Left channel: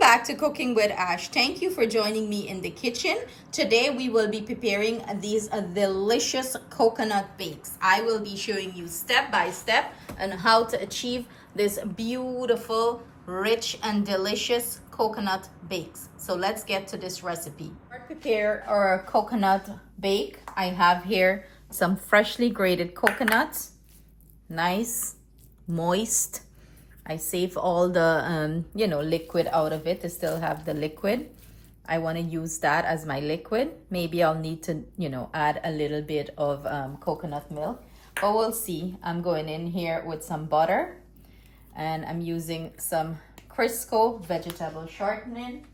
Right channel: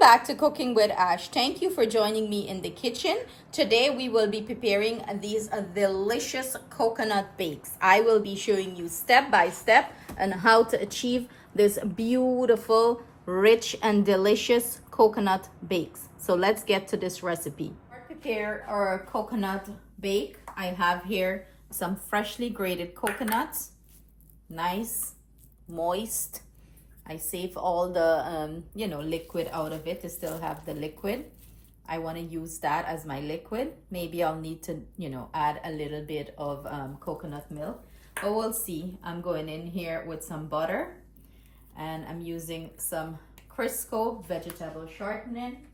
back to Cooking with Ash. Thank you for joining me in the kitchen. Today we will be preparing these delicious coconut bakes. I will be showing you step by step on how to achieve this beautiful, rich and delicious coconut bakes. So let's get to this recipe. To prepare our coconut bake, I have here some freshly grated coconuts, nice, moist. I save all the liquid out of it to still have the liquid. I want to use that as my liquid. Maybe I'll need to add a little bit of coconut milk, but we'll see. I'm going in here with some butter, and I'm using some Crisco vegetable shortening.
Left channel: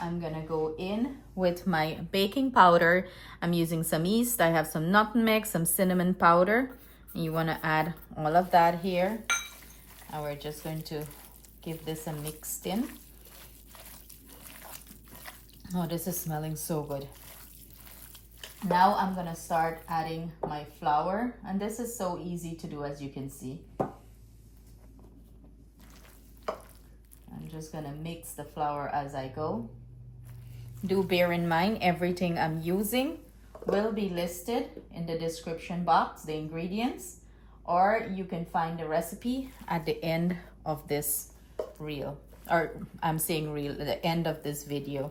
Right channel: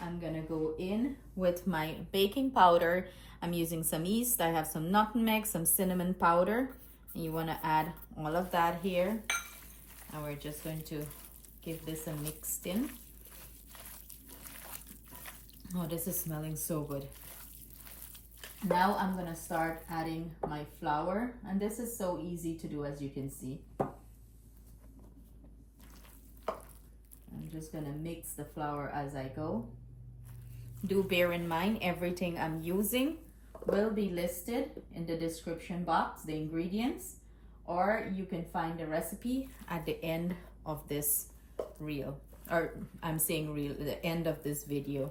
I'm gonna go in with my baking powder. I'm using some yeast. I have some nutmeg, some cinnamon powder. And you want to add all of that here. And we're just going to give this a mixed in. Oh, this is smelling so good. Now I'm gonna start adding my flour, and this is so easy to do, as you can see. I'm just gonna mix the flour as I go. Do bear in mind, everything I'm using will be listed in the description box, the ingredients, or you can find the recipe at the end of this reel, or I'm saying reel, the end of this video.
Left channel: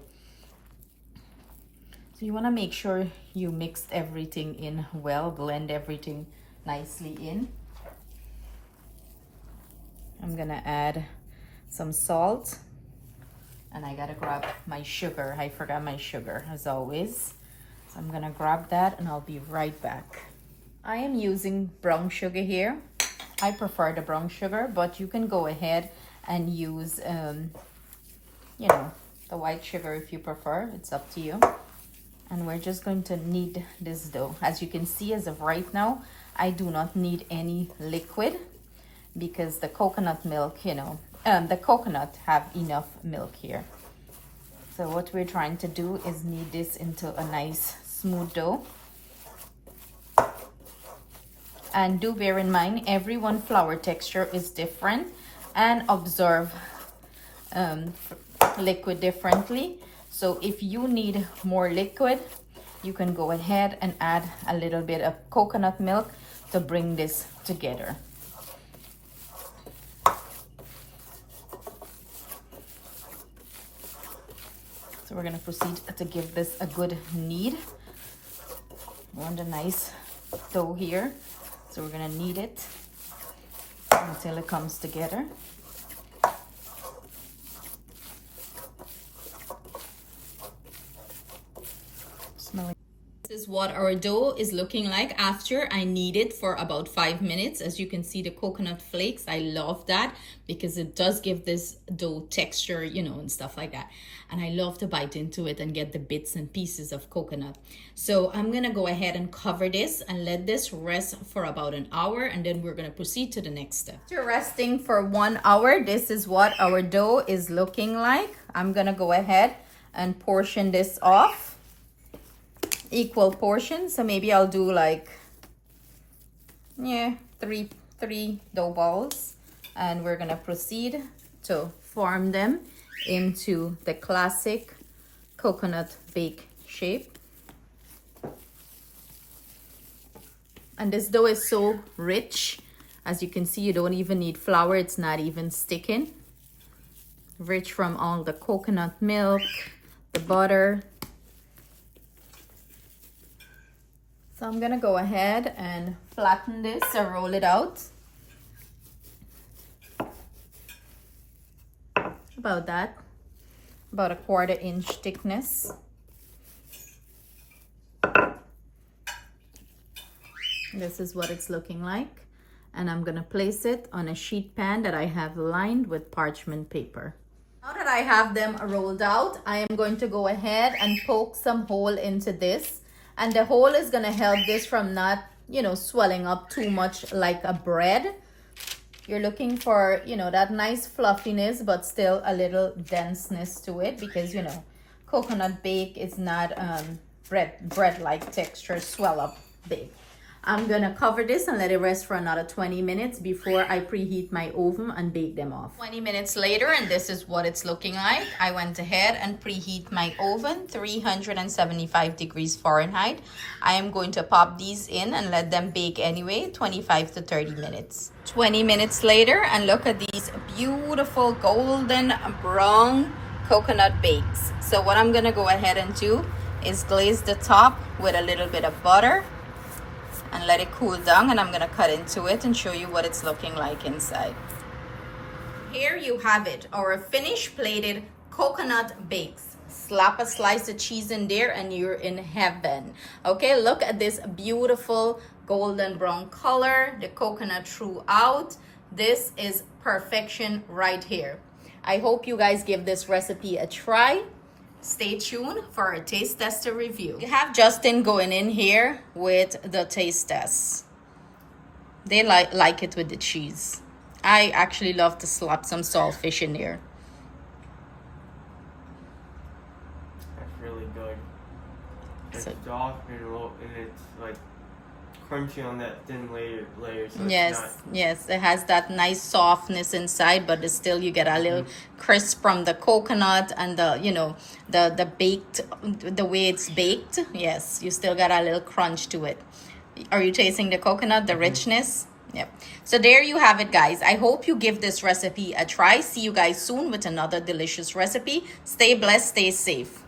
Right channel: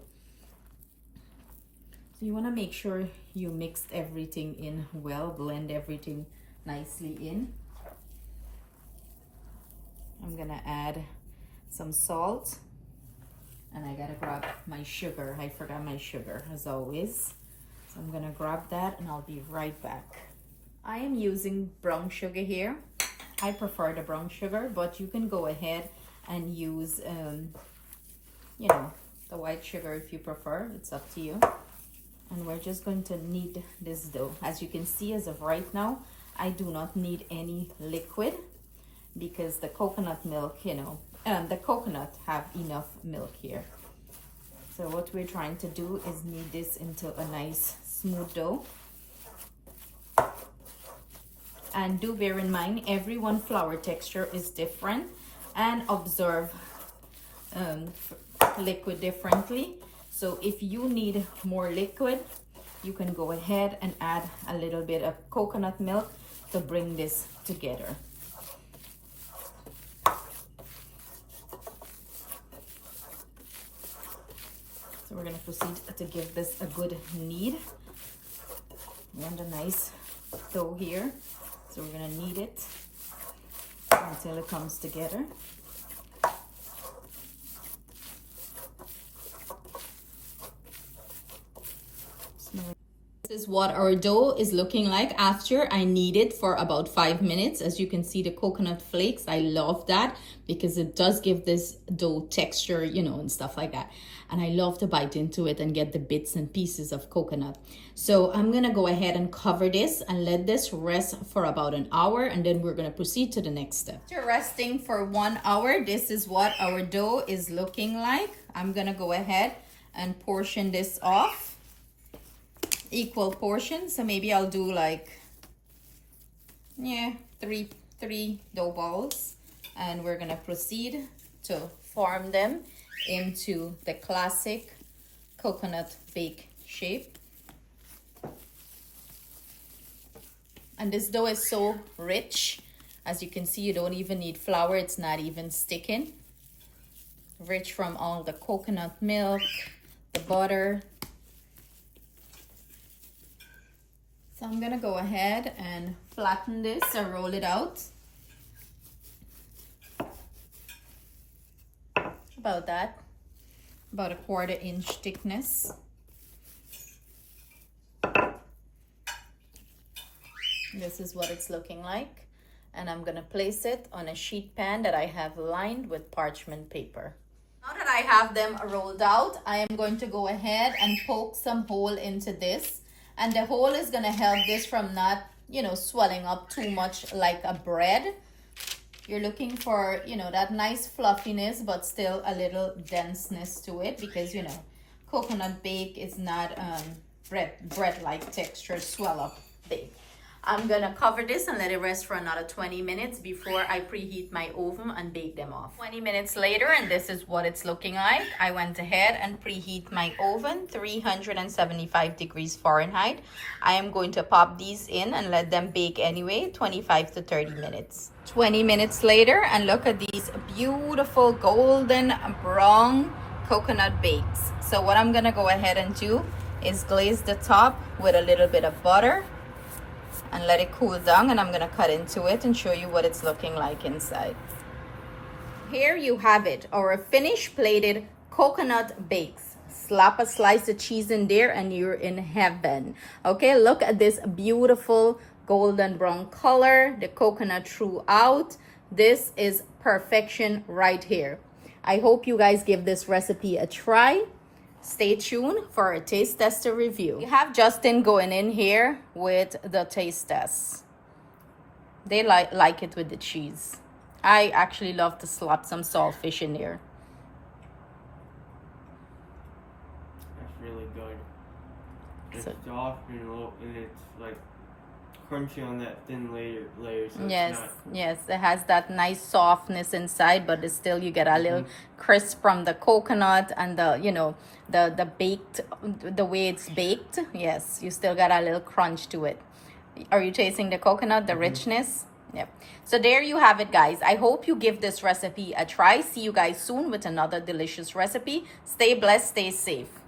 So you want to make sure you mix everything in well, blend everything nicely in. I'm gonna add some salt, and I gotta grab my sugar. I forgot my sugar as always. So I'm gonna grab that and I'll be right back. I am using brown sugar here. I prefer the brown sugar, but you can go ahead and use, the white sugar if you prefer. It's up to you. And we're just going to knead this dough. As you can see, as of right now, I do not need any liquid because the coconut milk, the coconut have enough milk here. So what we're trying to do is knead this into a nice smooth dough. And do bear in mind, everyone flour texture is different and absorb liquid differently. So if you need more liquid, you can go ahead and add a little bit of coconut milk to bring this together. So we're gonna proceed to give this a good knead. We want a nice dough here. So we're gonna knead it until it comes together. This is what our dough is looking like after I knead it for about 5 minutes. As you can see, the coconut flakes, I love that because it does give this dough texture, and stuff like that. And I love to bite into it and get the bits and pieces of coconut. So I'm gonna go ahead and cover this and let this rest for about an hour, and then we're gonna proceed to the next step. After resting for 1 hour, this is what our dough is looking like. I'm gonna go ahead and portion this off. Equal portions, so maybe I'll do like three dough balls, and we're gonna proceed to form them into the classic coconut bake shape. And this dough is so rich, as you can see. You don't even need flour, it's not even sticking. Rich from all the coconut milk, the butter. So I'm gonna go ahead and flatten this or roll it out. About that, about a 1/4 inch thickness. This is what it's looking like. And I'm gonna place it on a sheet pan that I have lined with parchment paper. Now that I have them rolled out, I am going to go ahead and poke some hole into this. And the hole is gonna help this from not, swelling up too much like a bread. You're looking for, that nice fluffiness, but still a little denseness to it because, coconut bake is not bread-like texture, swell up bake. I'm gonna cover this and let it rest for another 20 minutes before I preheat my oven and bake them off. 20 minutes later, and this is what it's looking like. I went ahead and preheat my oven, 375 degrees Fahrenheit. I am going to pop these in and let them bake anyway, 25 to 30 minutes. 20 minutes later, and look at these beautiful golden brown coconut bakes. So what I'm gonna go ahead and do is glaze the top with a little bit of butter and let it cool down, and I'm gonna cut into it and show you what it's looking like inside. Here you have it, our finished plated coconut bakes. Slap a slice of cheese in there and you're in heaven. Okay, look at this beautiful golden brown color, the coconut throughout. This is perfection right here. I hope you guys give this recipe a try. Stay tuned for a taste tester review. You have Justin going in here with the taste test. They like it with the cheese. I actually love to slap some saltfish in there. That's really good. It's soft and it's like crunchy on that thin layer. So Yes, it has that nice softness inside, but it's still you get a little crisp from the coconut and the the baked, the way it's baked. Yes, you still got a little crunch to it. Are you tasting the coconut, the richness? Yep. So there you have it, guys. I hope you give this recipe a try. See you guys soon with another delicious recipe. Stay blessed, stay safe.